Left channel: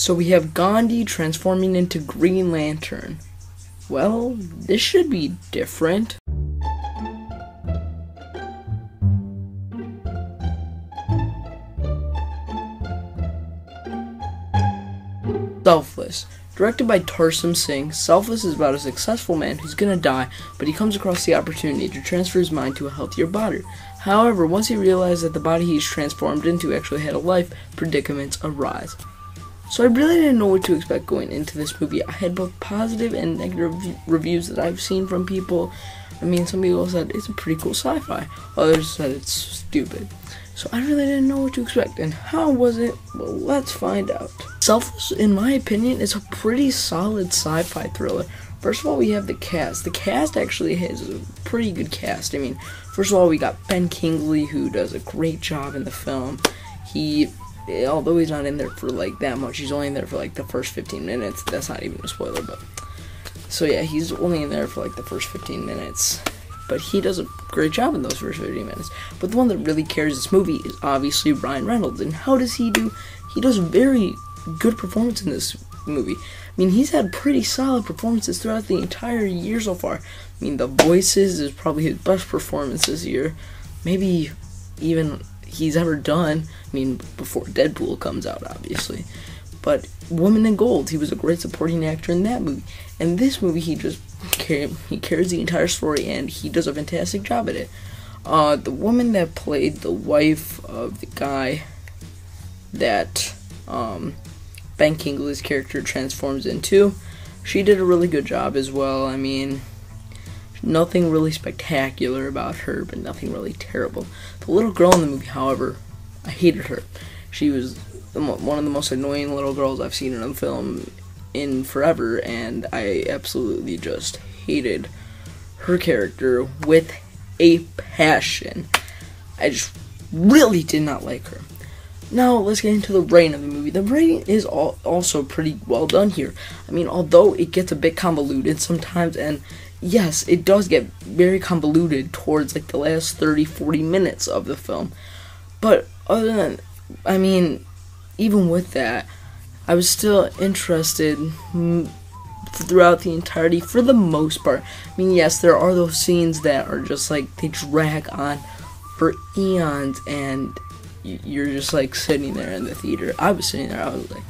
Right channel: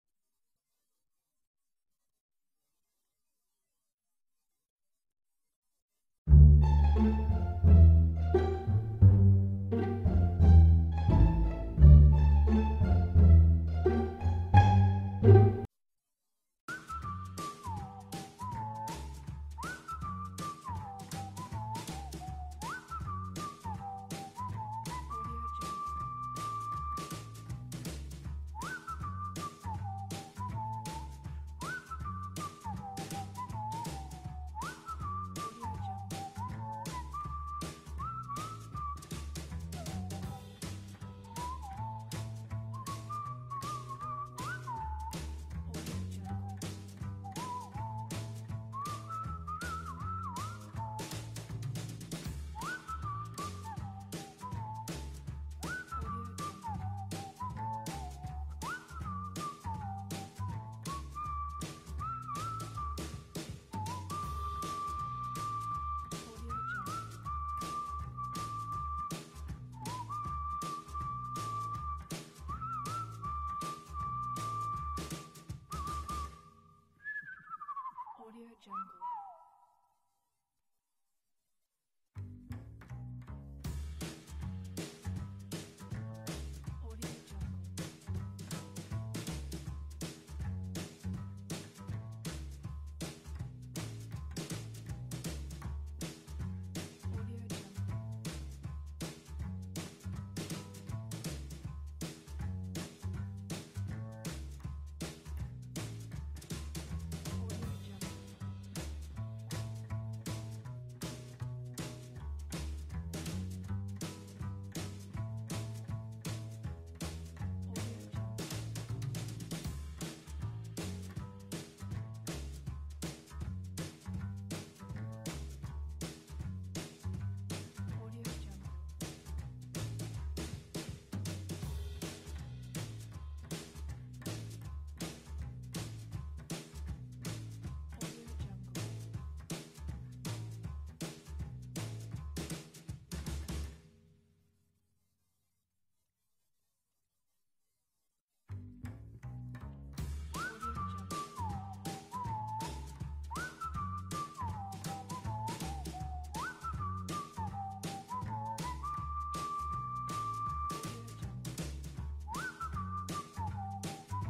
So we have Gandhi transforming into Green Lantern. Well, this should be different. Selfless. Directed by Tarsum Singh, Selfless is about a successful man who's gonna die, but he comes across the opportunity to transfer his mind to a healthier body. However, once he realized that the body he's transformed into actually had a life, predicaments arise. So I really didn't know what to expect going into this movie. I had both positive and negative reviews that I've seen from people. I mean, some people said it's a pretty cool sci-fi. Others said it's stupid. So I really didn't know what to expect. And how was it? Well, let's find out. Selfless, in my opinion, is a pretty solid sci-fi thriller. First of all, we have the cast. The cast actually has a pretty good cast. I mean, first of all, we got Ben Kingsley, who does a great job in the film. Although he's not in there for like that much, he's only in there for like the first 15 minutes. That's not even a spoiler, but so yeah, he's only in there for like the first 15 minutes. But he does a great job in those first 15 minutes. But the one that really carries this movie is obviously Ryan Reynolds. And how does he do? He does very good performance in this movie. I mean, he's had pretty solid performances throughout the entire year so far. I mean, The Voices is probably his best performance this year. Maybe even he's ever done. I mean, before Deadpool comes out, obviously. But Woman in Gold, he was a great supporting actor in that movie. And this movie, he carries the entire story, and he does a fantastic job at it. The woman that played the wife of the guy that Ben Kingsley's character transforms into, she did a really good job as well. I mean, nothing really spectacular about her, but nothing really terrible. The little girl in the movie, however, I hated her. She was one of the most annoying little girls I've seen in a film in forever, and I absolutely just hated her character with a passion. I just really did not like her. Now, let's get into the writing of the movie. The writing is also pretty well done here. I mean, although it gets a bit convoluted sometimes, and yes, it does get very convoluted towards like the last 30-40 minutes of the film. But other than, I mean, even with that, I was still interested throughout the entirety for the most part. I mean, yes, there are those scenes that are just like, they drag on for eons, and you're just like sitting there in the theater. I was sitting there, I was like,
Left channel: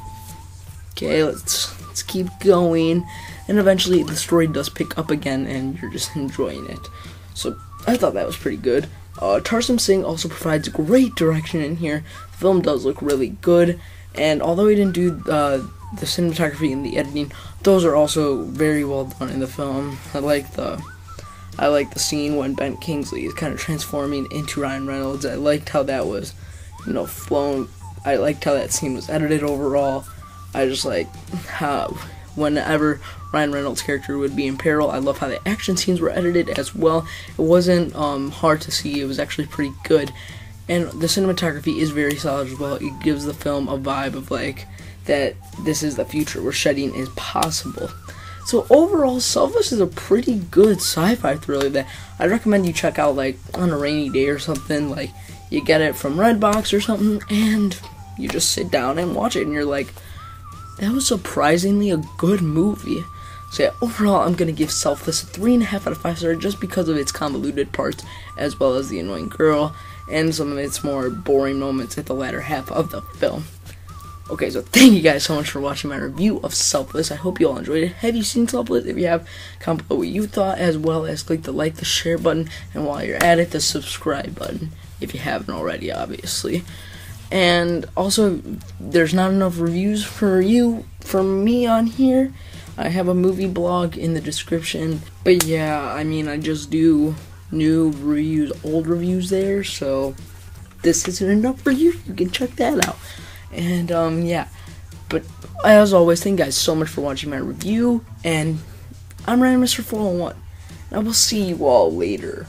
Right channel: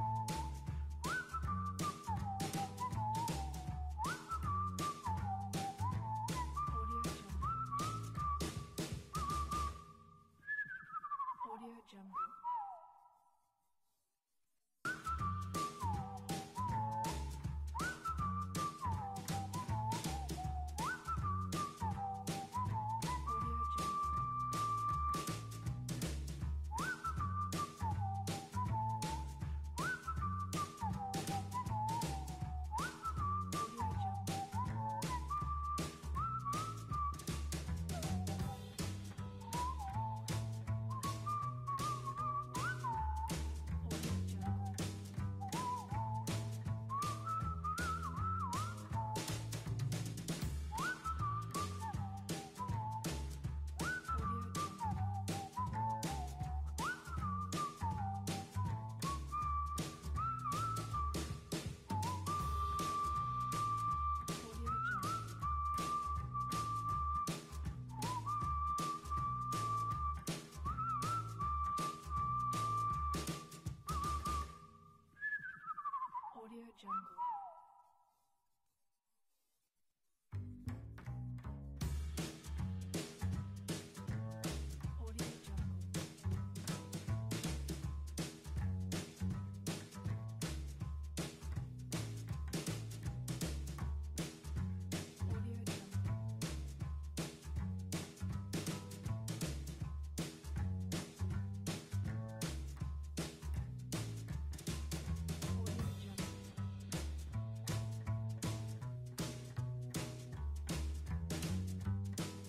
okay, let's keep going. And eventually the story does pick up again, and you're just enjoying it. So I thought that was pretty good. Tarsum Singh also provides great direction in here. The film does look really good, and although he didn't do the cinematography and the editing, those are also very well done in the film. I like the scene when Ben Kingsley is kind of transforming into Ryan Reynolds. I liked how that was, flown. I liked how that scene was edited overall. I just like how whenever Ryan Reynolds' character would be in peril, I love how the action scenes were edited as well. It wasn't hard to see. It was actually pretty good. And the cinematography is very solid as well. It gives the film a vibe of like that this is the future where shedding is possible. So overall, Selfless is a pretty good sci-fi thriller that I recommend you check out like on a rainy day or something. Like you get it from Redbox or something, and you just sit down and watch it, and you're like, that was surprisingly a good movie. So yeah, overall, I'm gonna give Selfless a 3.5 out of 5 stars just because of its convoluted parts, as well as the annoying girl and some of its more boring moments at the latter half of the film. Okay, so thank you guys so much for watching my review of Selfless. I hope you all enjoyed it. Have you seen Selfless? If you have, comment below what you thought, as well as click the like, the share button, and while you're at it, the subscribe button, if you haven't already, obviously. And also, there's not enough reviews from me on here. I have a movie blog in the description. But yeah, I mean, I just do new reviews, old reviews there, so this isn't enough for you. You can check that out. And yeah, but as always, thank you guys so much for watching my review, and I'm Ryan Mr. 401. I will see you all later.